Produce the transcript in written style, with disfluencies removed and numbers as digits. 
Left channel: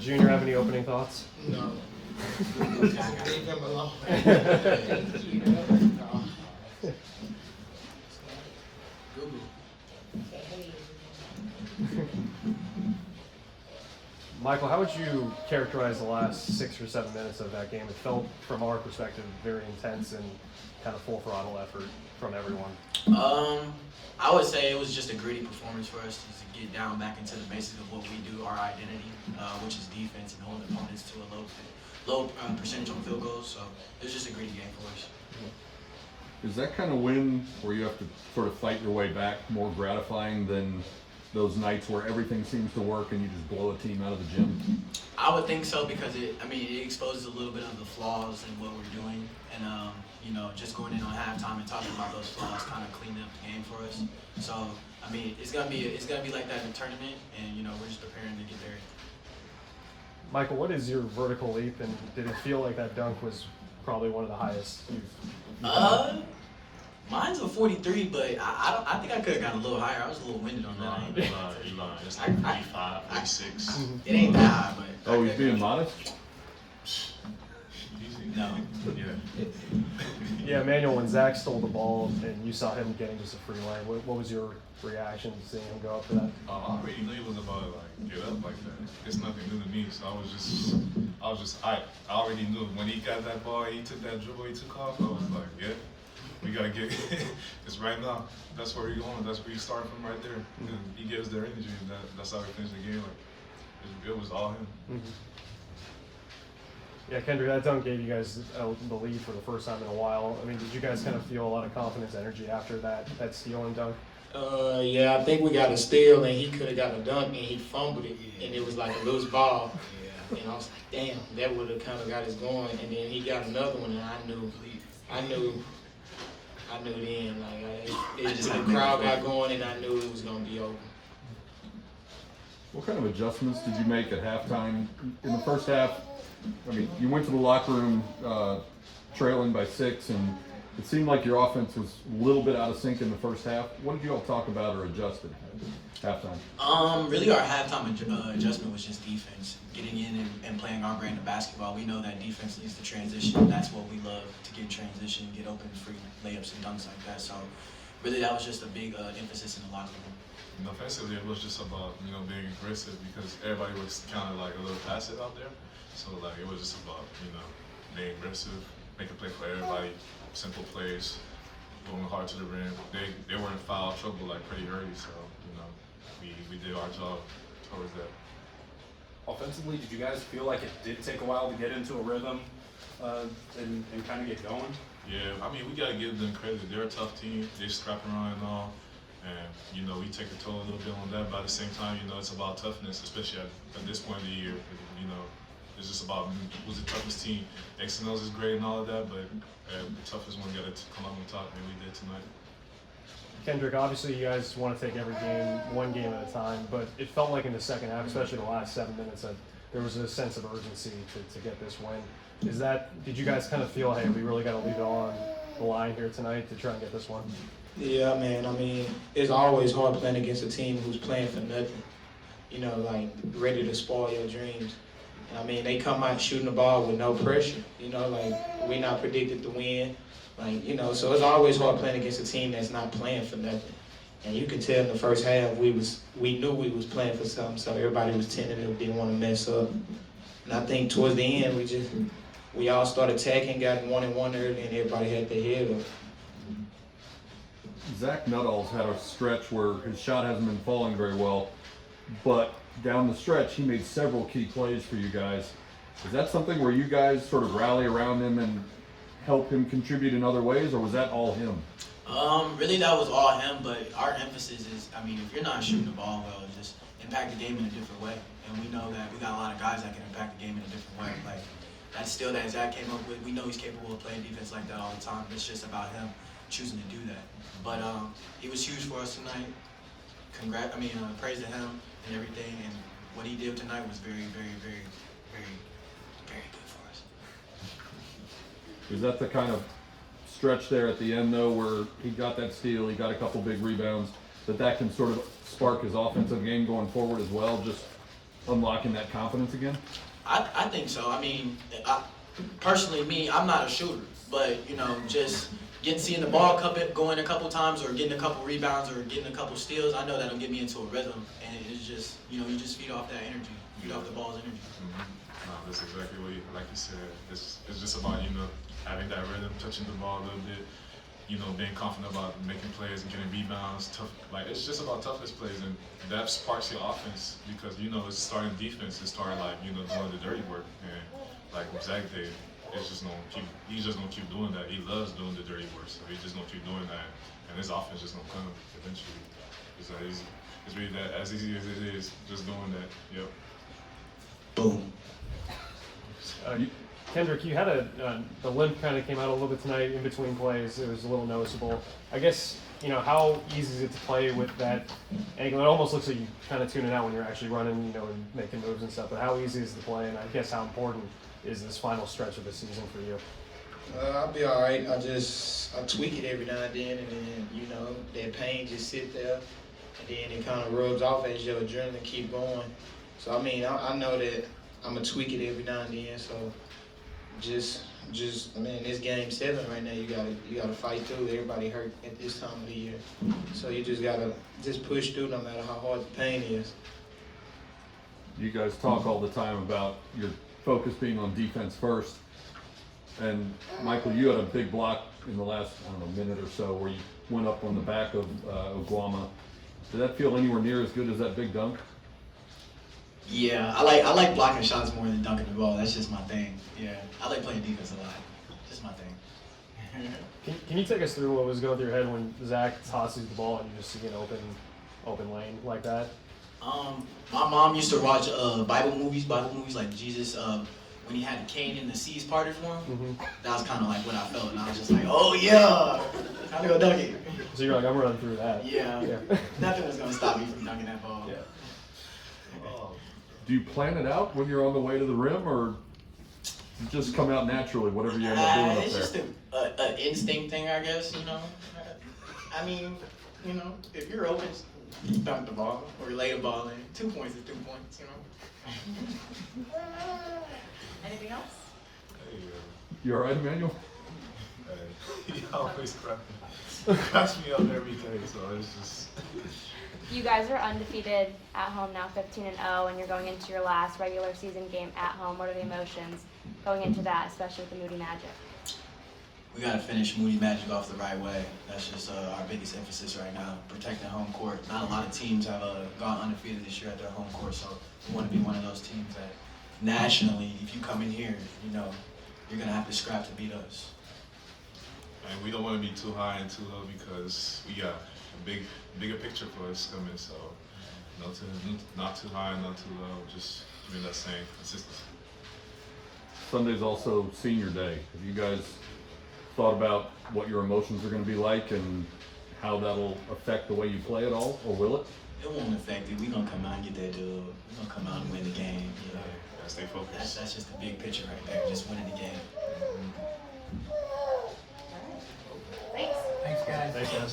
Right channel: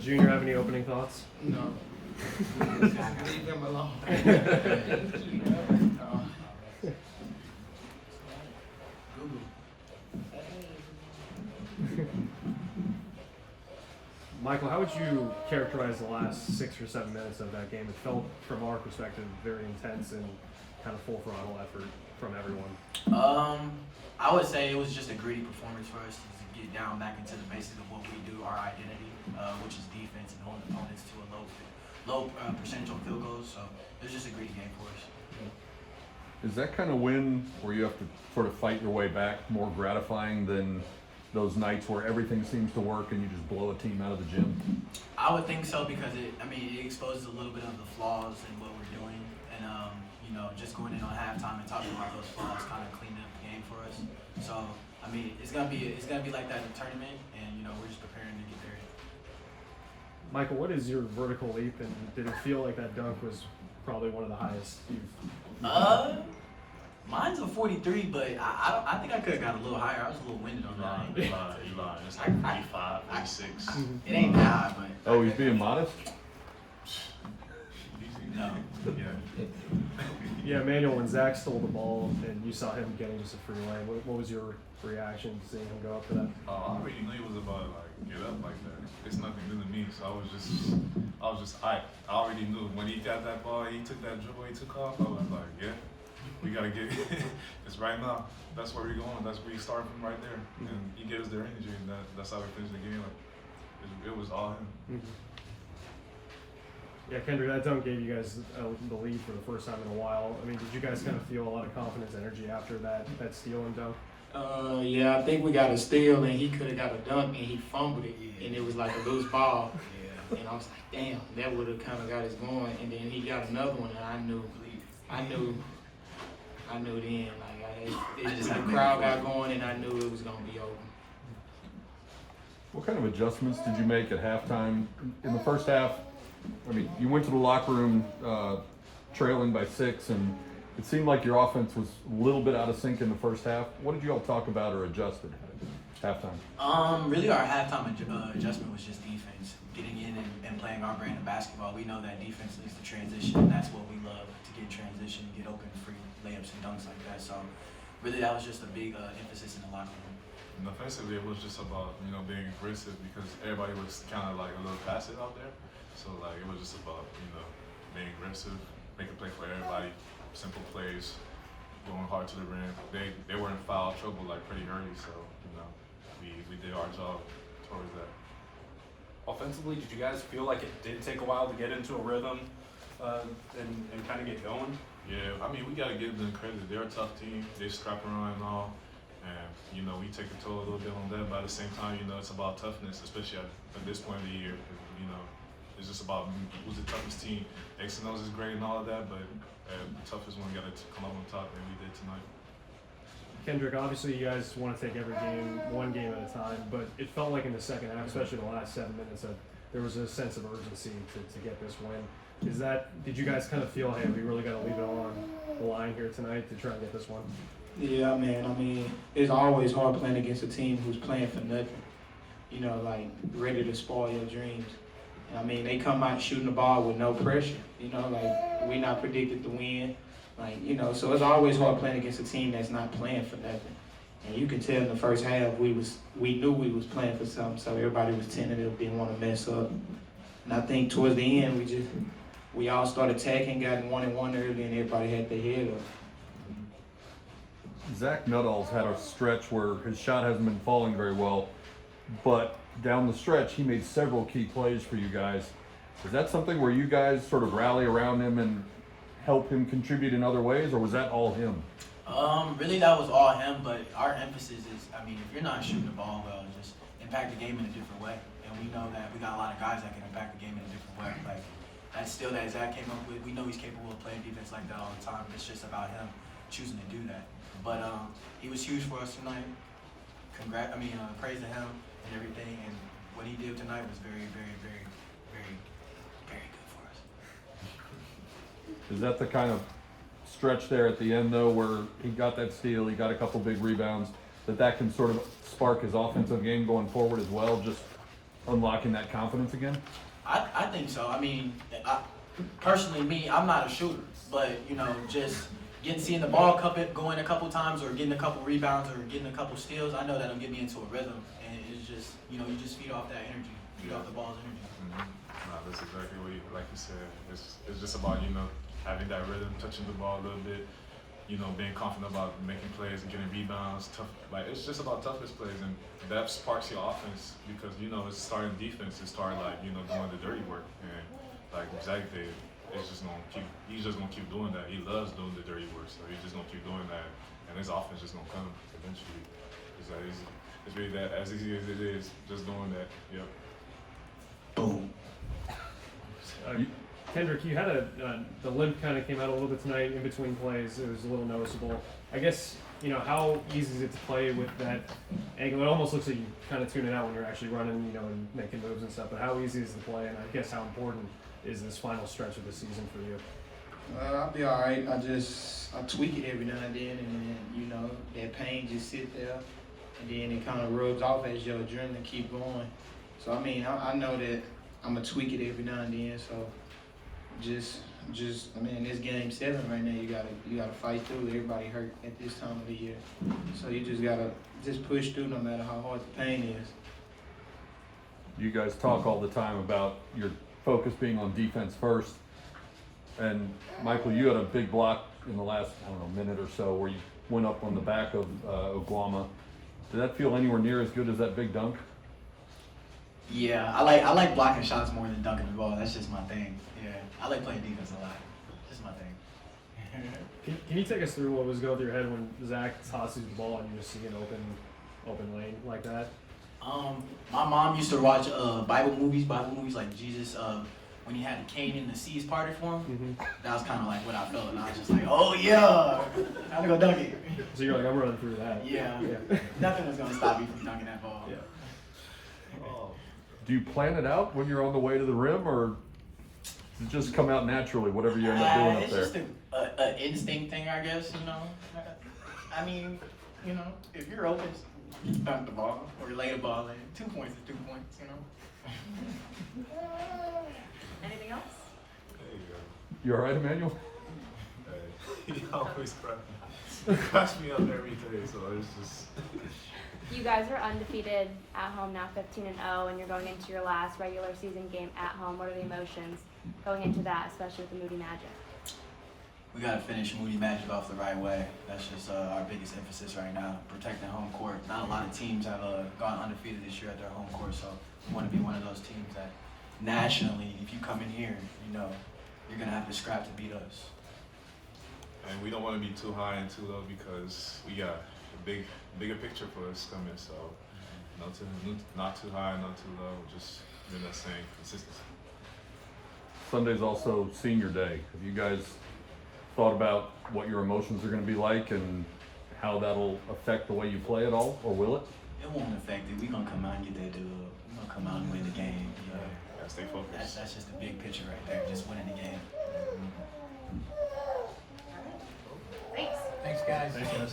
Junior have any opening thoughts? No. Leave him alone. No. Google. Michael, how would you characterize the last 6 or 7 minutes of that game? It felt, from our perspective, very intense and kind of full throttle effort from everyone. I would say it was just a gritty performance for us to get down back into the basics of what we do, our identity, which is defense and holding opponents to a low percentage on field goals. So it was just a gritty game for us. Is that kind of win where you have to sort of fight your way back more gratifying than those nights where everything seems to work and you just blow a team out of the gym? I would think so because it exposes a little bit of the flaws in what we're doing, and just going in on halftime and talking about those flaws kind of cleaned up the game for us. So it's gonna be like that in the tournament, and we're just preparing to get there. Michael, what is your vertical leap, and did it feel like that dunk was probably one of the highest you've Mine's a 43, but I think I could have got a little higher. I was a little winded on that. You lying. It's like 45, 46. It ain't that high, but. Oh, he's being modest? No. Yeah. Yeah, Emmanuel, when Zach stole the ball and you saw him getting just a free lay, what was your reaction to seeing him go up for that? I already knew he was about to get up like that. It's nothing new to me, so I was just hyped. I already knew when he got that ball, he took that dribble, he took off. I was like, yeah, we gotta get it. Because right now, that's where we're going. That's where you start from right there. And he gives their energy, and that's how we finish the game. Like, it was all him. Mm-hmm. Yeah, Kendric, that dunk gave you guys the lead for the first time in a while. I mean, did you guys kind of feel a lot of confidence, energy after that steal and dunk? Yeah, I think we got a steal and he could have got a dunk and he fumbled it and it was like a loose ball. Yeah. And I was like, damn, that would have kind of got us going. And then he got another one and I knew then. Like the crowd got going and I knew it was gonna be over. What kind of adjustments did you make at halftime? In the first half, I mean, you went to the locker room trailing by 6, and it seemed like your offense was a little bit out of sync in the first half. What did you all talk about or adjust at halftime? Really our halftime adjustment was just defense. Getting in and playing our brand of basketball. We know that defense needs to transition. That's what we love, to get transition, get open, free layups and dunks like that. So really that was just a big emphasis in the locker room. Offensively, it was just about, being aggressive because everybody was kind of like a little passive out there. So it was just about, being aggressive, making play for everybody, simple plays, going hard to the rim. They were in foul trouble pretty early, so we did our job towards that. Offensively, did you guys feel like it did take a while to get into a rhythm and kind of get going? Yeah, we gotta give them credit. They're a tough team. They scrap around and all. And, we take a toll a little bit on them, but at the same time, it's about toughness, especially at this point of the year. It's just about who's the toughest team. X&O's is great and all of that, but the toughest one got to come out on top, and we did tonight. Kendric, obviously you guys want to take every game, one game at a time, but it felt like in the second half, especially the last 7 minutes, that there was a sense of urgency to get this win. Did you guys kind of feel, hey, we really got to leave it on the line here tonight to try and get this one? Yeah, man. It's always hard playing against a team who's playing for nothing. Ready to spoil your dreams. They come out shooting the ball with no pressure. We're not predicted to win. So it's always hard playing against a team that's not playing for nothing. And you can tell in the first half we knew we was playing for something, so everybody was tentative, didn't want to mess up. And I think towards the end we all started attacking, got 1-1 early, and everybody had their head up. Zach Nuttall's had a stretch where his shot hasn't been falling very well, but down the stretch he made several key plays for you guys. Is that something where you guys sort of rally around him and help him contribute in other ways, or was that all him? Really that was all him, but our emphasis is, if you're not shooting the ball well, just impact the game in a different way. And we know that we got a lot of guys that can impact the game in a different way. That steal that Zach came up with, we know he's capable of playing defense like that all the time. It's just about him choosing to do that. But he was huge for us tonight. Praise to him and everything. And what he did tonight was very, very, very, very, very good for us. Is that the kind of stretch there at the end, though, where he got that steal, he got a couple big rebounds, that can sort of spark his offensive game going forward as well, just unlocking that confidence again? I think so. I mean, personally, I'm not a shooter, but you know, just seeing the ball go in a couple times, or getting a couple rebounds, or getting a couple steals, I know that'll get me into a rhythm, and it's just, you know, you just feed off that energy, feed off the ball's energy. No, that's exactly what like you said. It's just about, you know, having that rhythm, touching the ball a little bit, you know, being confident about making plays and getting rebounds. Tough, like it's just about toughness plays, and that sparks your offense because, you know, it's starting defense. It started like, you know, doing the dirty work, and like Zach did. He's just gonna keep doing that. He loves doing the dirty work, so he's just gonna keep doing that, and his offense just gonna come eventually. It's that easy. It's really that as easy as it is, just doing that. Yep. Boom. Kendric, you had the limp kind of came out a little bit tonight in between plays. It was a little noticeable. I guess, you know, how easy is it to play with that angle? It almost looks like you kind of tune it out when you're actually running, you know, and making moves and stuff. But how easy is it to play? And I guess how important is this final stretch of the season for you? I'll be all right. I tweak it every now and then, you know, that pain just sit there, and then it kind of rubs off as your adrenaline keep going. So I mean, I know that I'm gonna tweak it every now and then. So just I mean, it's game 7 right now. You gotta fight through. Everybody hurt at this time of the year, so you just gotta push through no matter how hard the pain is. You guys talk all the time about your focus being on defense first. And Michael, you had a big block in the last, I don't know, minute or so where you went up on the back of Oguama. Did that feel anywhere near as good as that big dunk? Yeah, I like blocking shots more than dunking the ball. That's just my thing. Yeah, I like playing defense a lot. Just my thing. Can you take us through what was going through your head when Zach tosses the ball and you just see an open lane like that? My mom used to watch Bible movies like Jesus. When he had Cain and the seas parted for him, Mm-hmm. that was kind of like what I felt, and I was just like, oh yeah, time to go dunk it. So you're like, I'm running through that. Yeah, nothing was gonna stop me from dunking that ball. Yeah. Do you plan it out when you're on the way to the rim, or does it just come out naturally, whatever you end up doing up It's there? just an instinct thing, I guess. You know, I mean, you know, if you're open, you dunk the ball or lay the ball in. 2 points is 2 points. You know. Anything else? There you go. You all right, Emmanuel? Hey, he always cracks me up every day, so it's just. You guys are undefeated at home now, 15-0, and you're going into your last regular season game at home. What are the emotions going into that, especially with the Moody Magic? We gotta finish Moody Magic off the right way. That's just our biggest emphasis right now, protecting home court. Not a lot of teams have gone undefeated this year at their home court, so we want to be one of those teams that nationally, if you come in here, you know, you're gonna have to scrap to beat us. And we don't want to be too high and too low because we got a bigger picture for us coming. So not too high, not too low. Just doing that same consistency. Sunday's also senior day. Have you guys thought about what your emotions are going to be like and how that'll affect the way you play at all, or will it? It won't affect it. We're gonna come out and get that dub. We're gonna come out and win the game. You know? Stay focused. That's just the big picture right there, just winning the game. Thanks. Thanks, guys.